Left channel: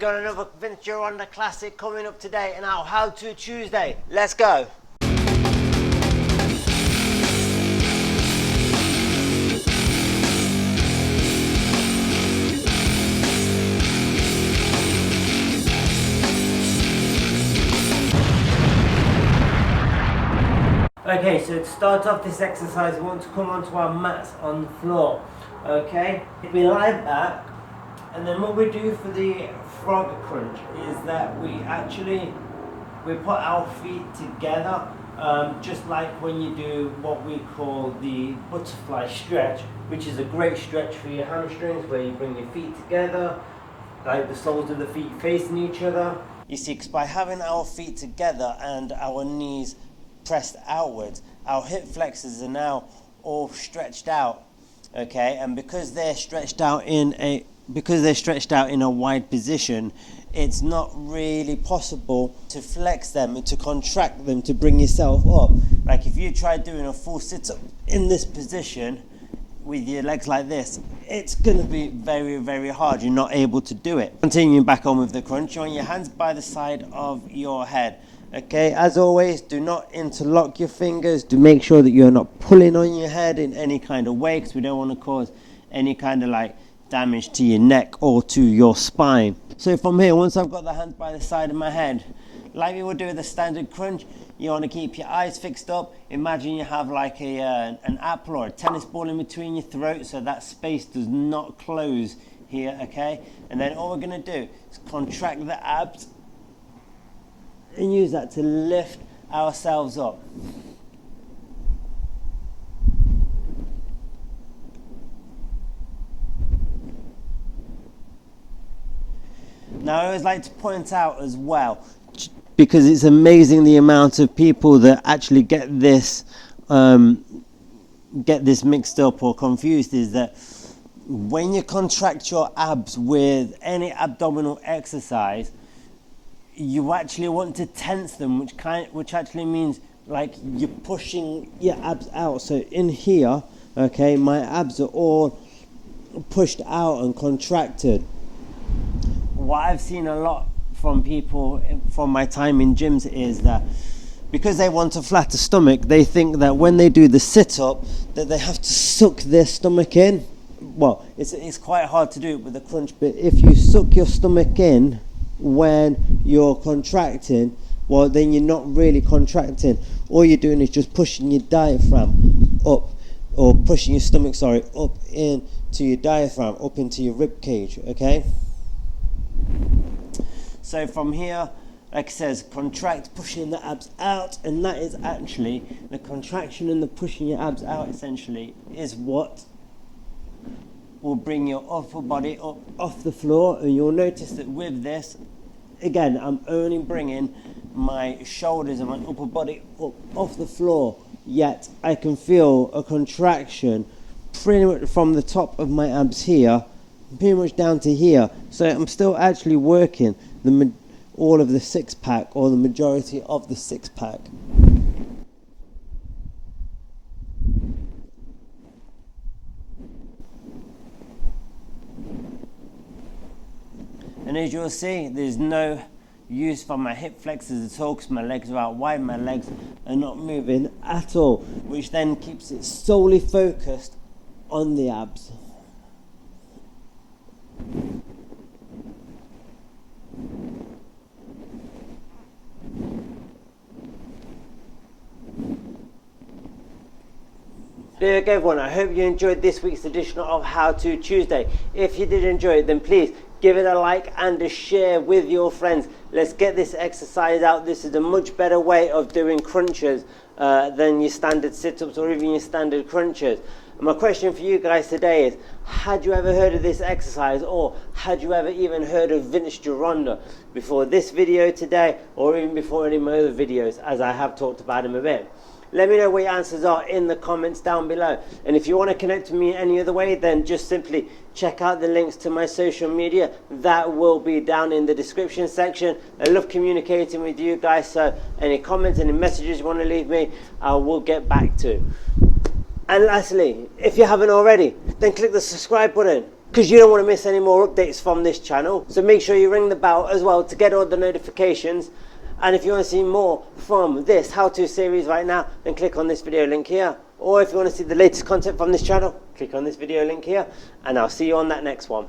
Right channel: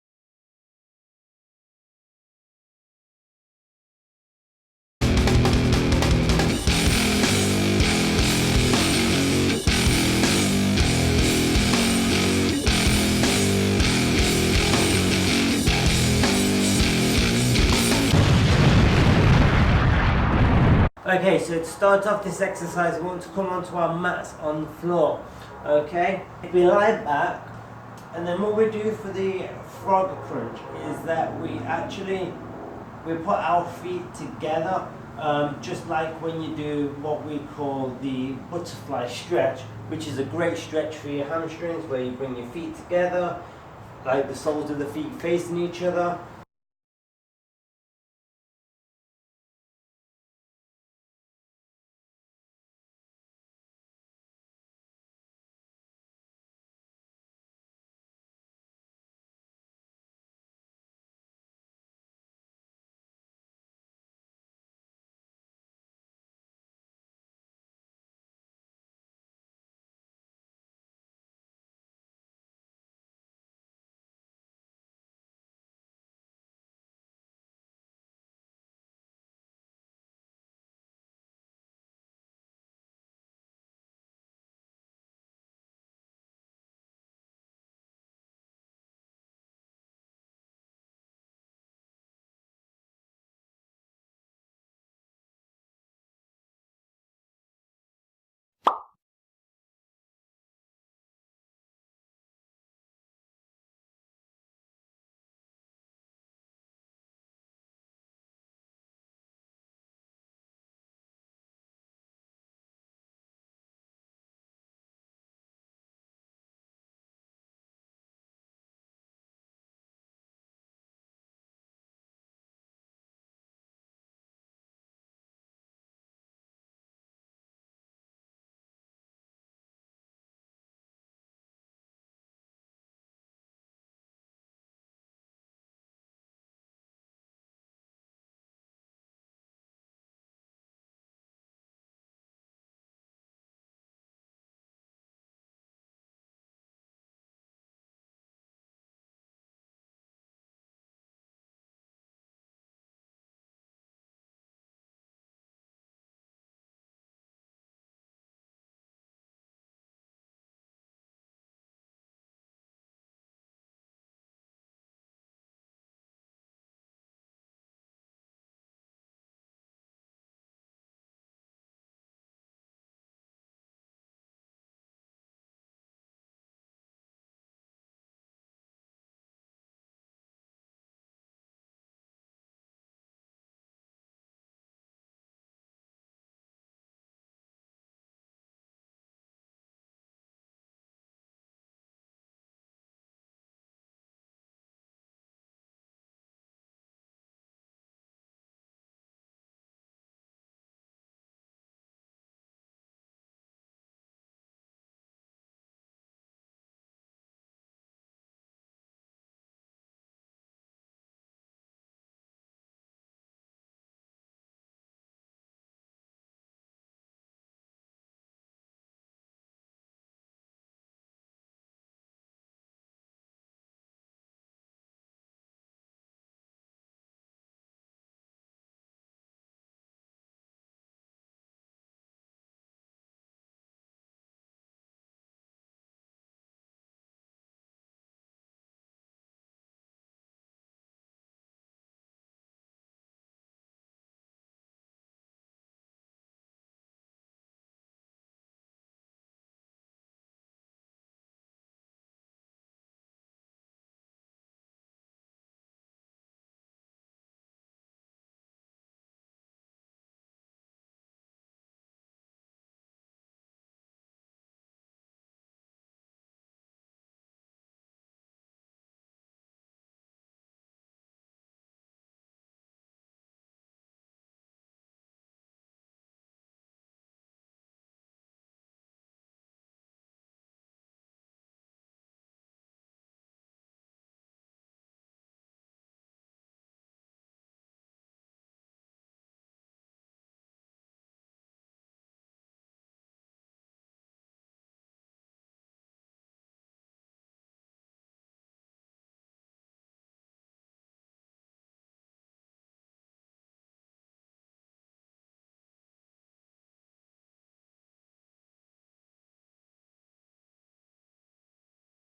We've got another Vince Gironda classic coming up today in our How To Tuesday. Let's go. Okay, so to start off this exercise, we want to come onto our mats on the floor. Okay, we lie back, and then what we do for the frog crunch is that we put our feet together, just like when you do what we call the butterfly stretch, which is a great stretch for your hamstrings, where you bring your feet together, like the soles of the feet facing each other. You see, 'cause by having our feet together and our knees pressed outwards, our hip flexors are now all stretched out, okay, and because they're stretched out in a wide position, it's not really possible to flex them and to contract them to bring yourself up. Like if you try doing a full sit-up in this position with your legs like this, it's going to be very, very hard. You're not able to do it. Continuing back on with the crunch, on your hands by the side of your head. Okay, as always, do not interlock your fingers. Do make sure that you're not pulling on your head in any kind of way, because we don't want to cause any kind of like damage to your neck or to your spine. So from here, once I've got the hands by the side of my head, like we would do with a standard crunch, you want to keep your eyes fixed up. Imagine you have like an apple or a tennis ball in between your throat, so that space does not close here, okay? And then all we're going to do is contract the abs and use that to lift ourselves up. Now I always like to point out as well, because it's amazing the amount of people that actually get this mixed up or confused, is that when you contract your abs with any abdominal exercise, you actually want to tense them, which actually means like you're pushing your abs out. So in here, okay, my abs are all pushed out and contracted. What I've seen a lot from people from my time in gyms is that because they want a flatter stomach, they think that when they do the sit-up that they have to suck their stomach in. Well, it's quite hard to do it with a crunch, but if you suck your stomach in when you're contracting, well, then you're not really contracting. All you're doing is just pushing your diaphragm up, or pushing your stomach, up into your diaphragm, up into your rib cage, okay? So from here, like it says, contract, pushing the abs out, and that is actually the contraction and the pushing your abs out essentially is what will bring your upper body up off the floor. And you'll notice that with this, again, I'm only bringing my shoulders and my upper body up off the floor, yet I can feel a contraction pretty much from the top of my abs here, pretty much down to here. So I'm still actually working all of the six-pack, or the majority of the six-pack. And as you'll see, there's no use for my hip flexors at all, because my legs are out wide, my legs are not moving at all, which then keeps it solely focused on the abs. There you go, everyone. I hope you enjoyed this week's edition of How To Tuesday. If you did enjoy it, then please give it a like and a share with your friends. Let's get this exercise out. This is a much better way of doing crunches than your standard sit-ups or even your standard crunches. And my question for you guys today is, had you ever heard of this exercise, or had you ever even heard of Vince Gironda before this video today, or even before any of my other videos, as I have talked about him a bit? Let me know what your answers are in the comments down below. And if you want to connect with me any other way, then just simply check out the links to my social media. That will be down in the description section. I love communicating with you guys, so any comments, any messages you want to leave me, I will get back to. And lastly, if you haven't already, then click the subscribe button. because you don't want to miss any more updates from this channel. So make sure you ring the bell as well to get all the notifications. And if you want to see more from this how-to series right now, then click on this video link here. Or if you want to see the latest content from this channel, click on this video link here. And I'll see you on that next one.